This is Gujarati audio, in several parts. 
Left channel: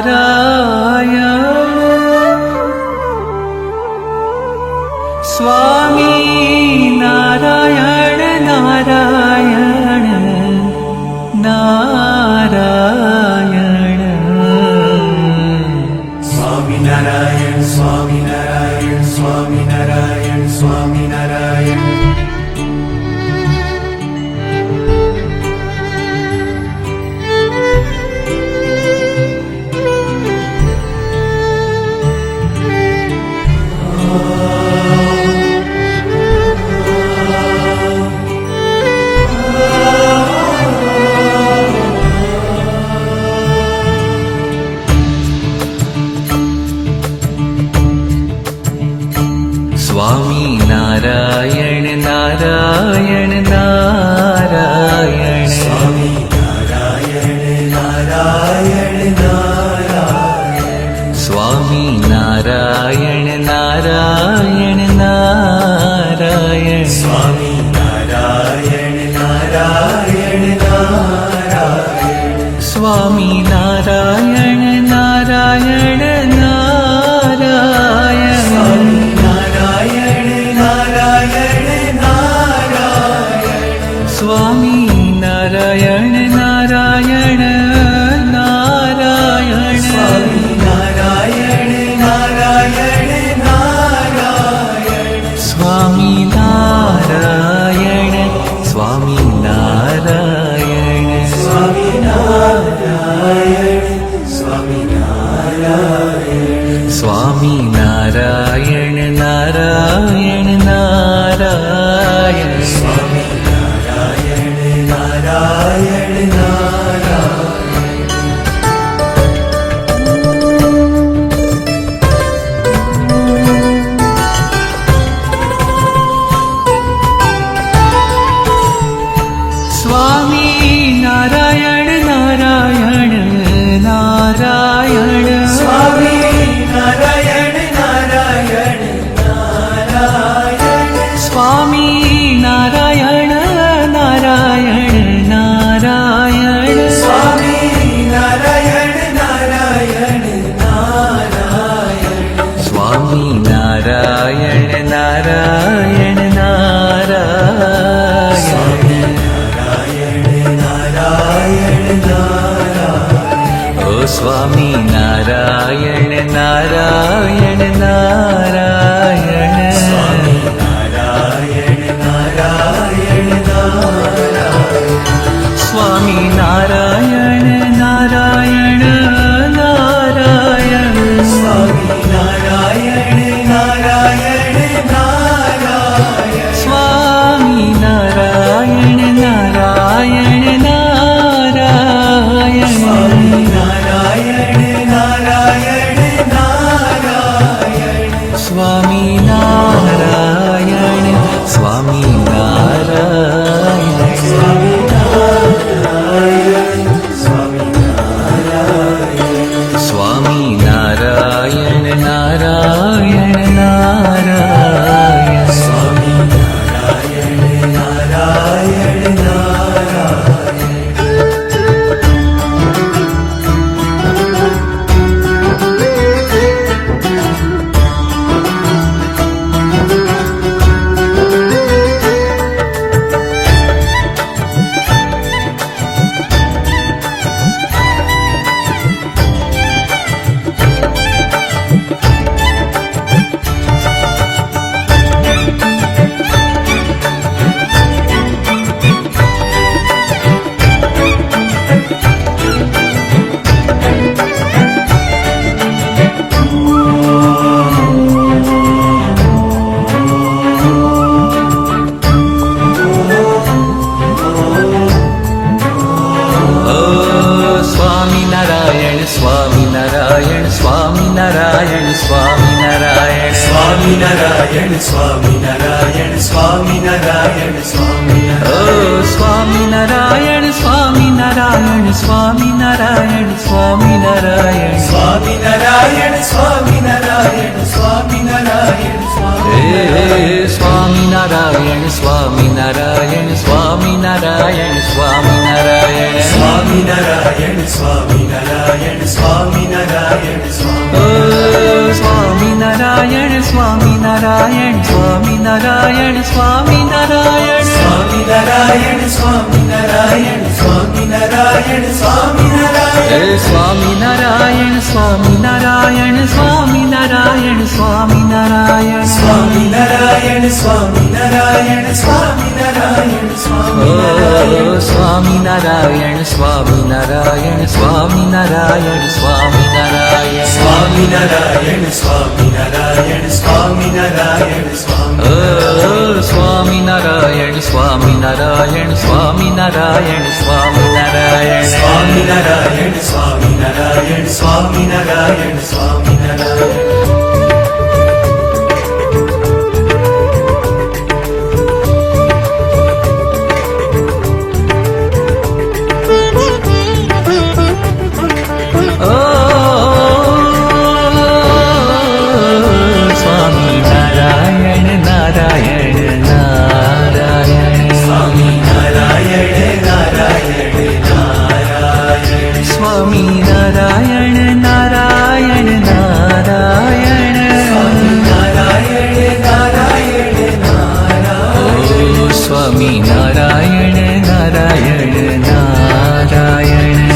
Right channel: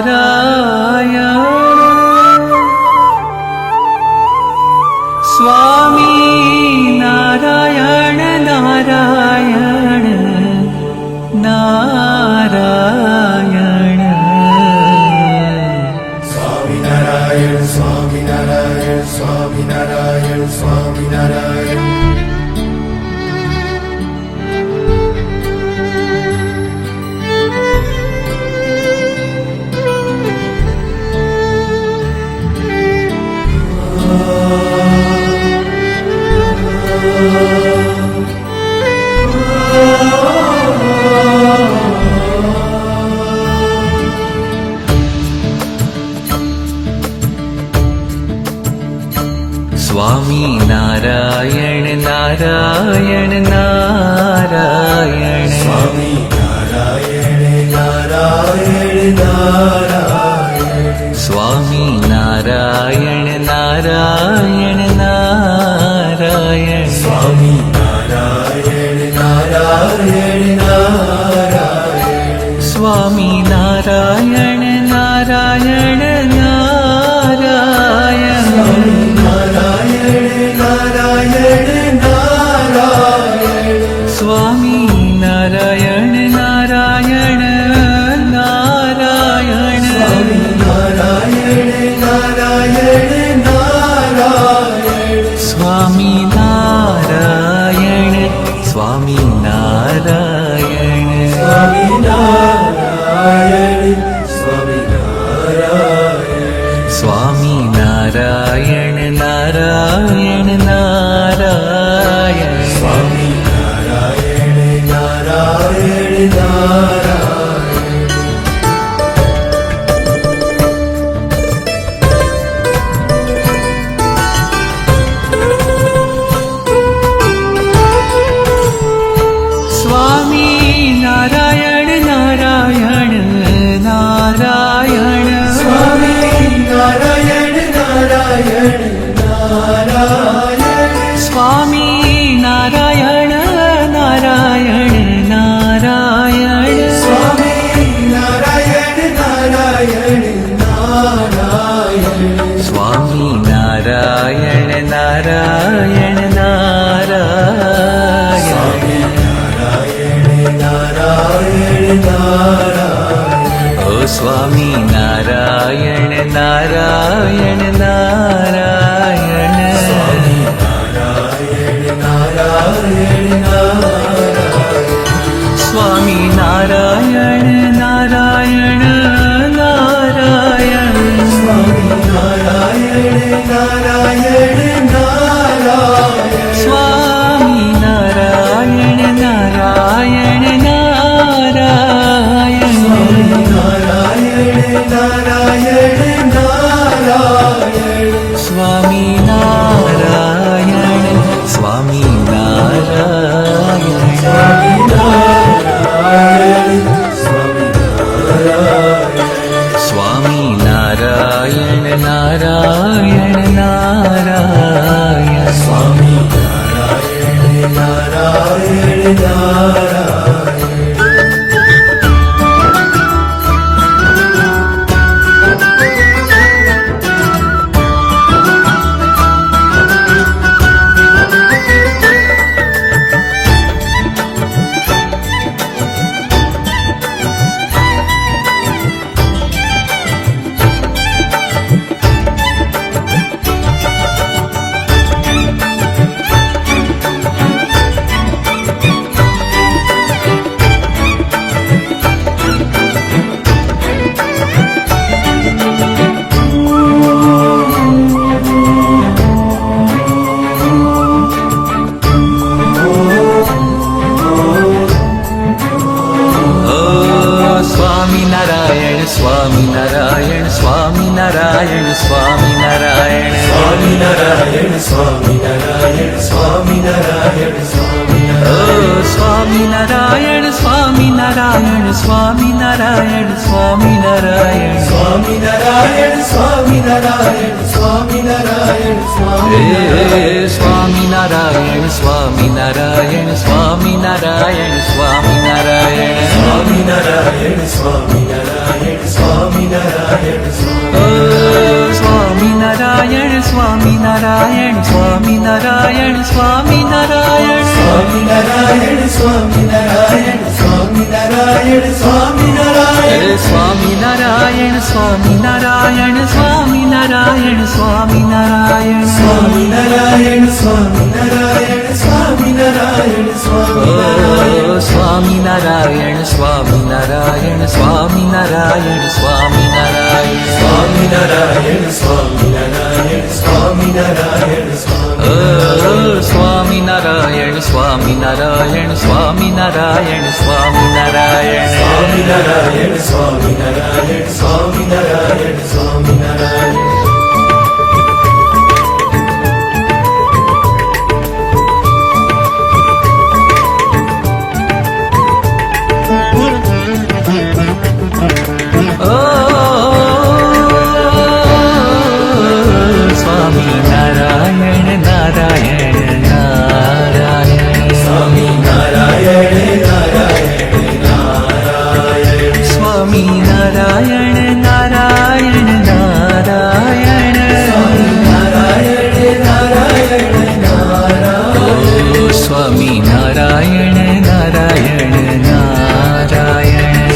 નારાયણ સ્વામી નારાયણ નારાયણ નારાયણ સ્વામિનારાયણ સ્વામિનારાયણ સ્વામિનારાયણ સ્વામિનારાયણ સ્વામી નારાયણ નારાયણ નારાયણ સ્વામી નારાયણ નારાયણ નારાયણ સ્વામી નારાયણ નારાયણ નારાયણ સ્વામી નારાયણ નારાયણ નારાયણ સ્વામી નારાયણ સ્વામી નારાયણ સ્વામી નારાયણ નારાયણ નારાયણ સ્વામી નારાયણ નારાયણ નારાયણ સ્વામી નારાયણ નારાયણ નારાયણ સ્વામી નારાયણ નારાયણ નારાયણ ઓ સ્વામી નારાયણ નારાયણ નારાયણ સ્વામી નારાયણ નારાયણ નારાયણ સ્વામી નારાયણ નારાયણ નારાયણ સ્વામી નારાયણ સ્વામી નારાયણ સ્વામી નારાયણ નારાયણ નારાયણ સ્વામિનારાયણ સ્વામિનારાયણ સ્વામિનારાયણ સ્વામિનારાયણ સ્વામિનારાયણ સ્વામિનારાયણ સ્વામિનારાયણ ઓ સ્વામિનારાયણ સ્વામિનારાયણ સ્વામિનારાયણ સ્વામિનારાયણ સ્વામિનારાયણ સ્વામિનારાયણ સ્વામિનારાયણ હે સ્વામિનારાયણ સ્વામિનારાયણ સ્વામિનારાયણ સ્વામિનારાયણ સ્વામિનારાયણ સ્વામિનારાયણ સ્વામિનારાયણ સ્વામિનારાયણ સ્વામિનારાયણ સ્વામિનારાયણ સ્વામિનારાયણ સ્વામિનારાયણ સ્વામિનારાયણ સ્વામિનારાયણ હે સ્વામિનારાયણ સ્વામિનારાયણ સ્વામિનારાયણ સ્વામિનારાયણ સ્વામિનારાયણ સ્વામિનારાયણ સ્વામિનારાયણ ઓ સ્વામિનારાયણ સ્વામિનારાયણ સ્વામિનારાયણ સ્વામિનારાયણ સ્વામિનારાયણ સ્વામિનારાયણ સ્વામિનારાયણ ઓ સ્વામિનારાયણ સ્વામિનારાયણ સ્વામિનારાયણ સ્વામિનારાયણ સ્વામિનારાયણ સ્વામિનારાયણ સ્વામિનારાયણ સ્વામિનારાયણ ઓ સ્વામિનારાયણ નારાયણ નારાયણ સ્વામિનારાયણ નારાયણ નારાયણ ઓ સ્વામિનારાયણ નારાયણ નારાયણ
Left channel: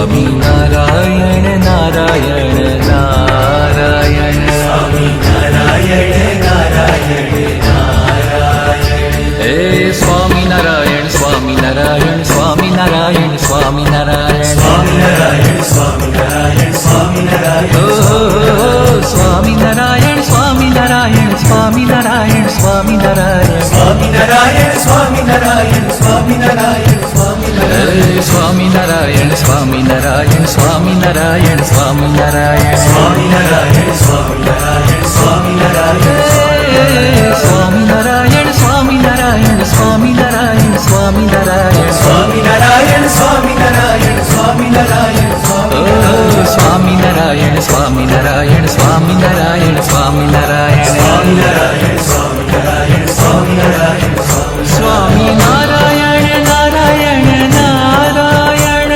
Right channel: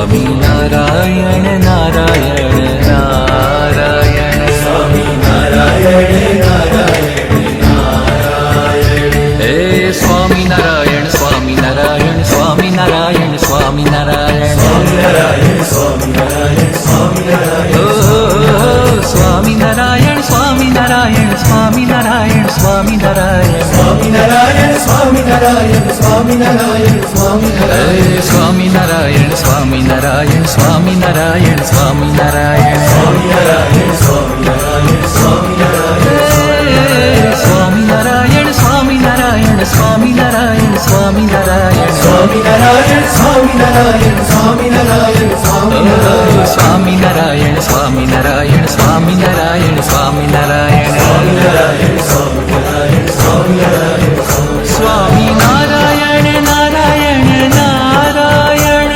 સ્વામિનારાયણ નારાયણ નારાયણ હે સ્વામિનારાયણ સ્વામિનારાયણ સ્વામિનારાયણ સ્વામિનારાયણ ઓ સ્વામિનારાયણ સ્વામિનારાયણ સ્વામિનારાયણ સ્વામિનારાયણ હે સ્વામિનારાયણ સ્વામિનારાયણ સ્વામિનારાયણ સ્વામિનારાયણ હે સ્વામિનારાયણ સ્વામિનારાયણ સ્વામિનારાયણ સ્વામિનારાયણ ઓ સ્વામિનારાયણ સ્વામિનારાયણ સ્વામિનારાયણ સ્વામિનારાયણ સ્વામિનારાયણ નારાયણ નારાયણ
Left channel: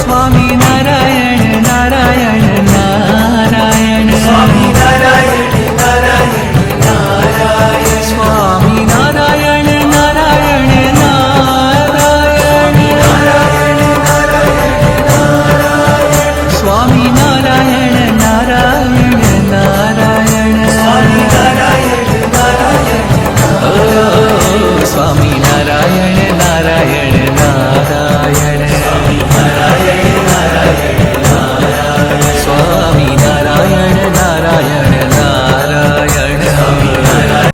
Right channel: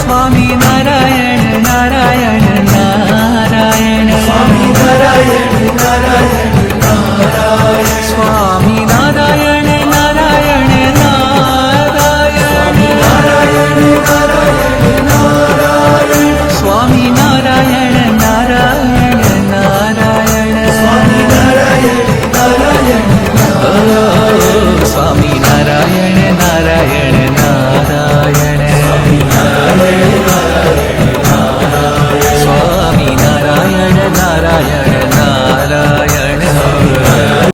સ્વામિનારાયણ નારાયણ નારાયણ સ્વામિનારાયણ નારાયણ નારાયણ સ્વામિનારાયણ નારાયણ નારાયણ ઓ સ્વામિનારાયણ નારાયણ નારાયણ સ્વામિનારાયણ નારાયણ નારાયણ